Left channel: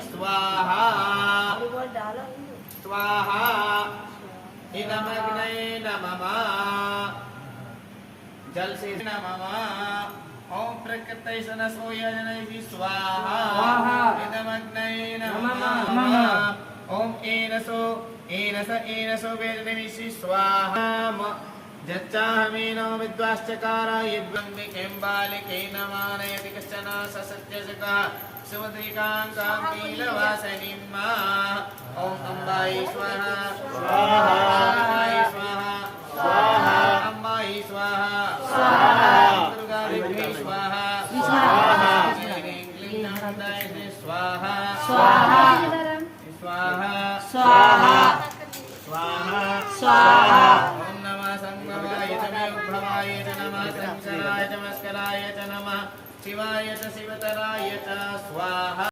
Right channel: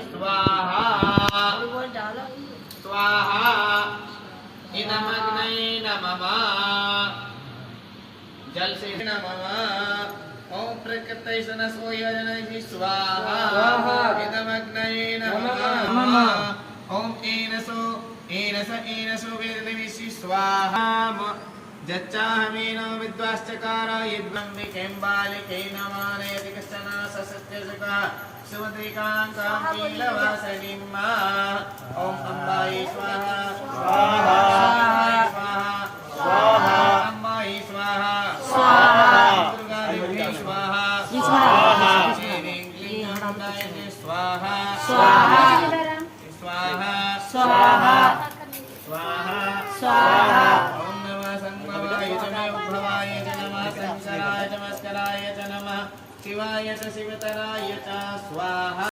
स्वाहा स्वाहा इदमग्ने नमः जल से नमः ओम प्रकृति सनसो यजने स्वाहा इदमग्ने नमः ओम एनसो वेदनेसि स्वाहा जच्चाहमेनो विद्वाश्चकार यद्वंदिकें बालिके नमानयति कश्चन ससत्यजका सुमद्रिकान्तां कीलवासनिं मा ओम अम्बायै स्वाहा स्वाहा स्वाहा अम्बायै स्वाहा स्वाहा दुर्गादेवी स्वाहा स्वाहा श्रीं क्लीं अम्बायै स्वाहा स्वाहा स्वाहा स्वाहा स्वाहा स्वाहा ओम नमः संभवाय च उद्भवाय च नमः संसाराय च मस्कराय च नमः शिवाय च शिवतराय च स्वाहा।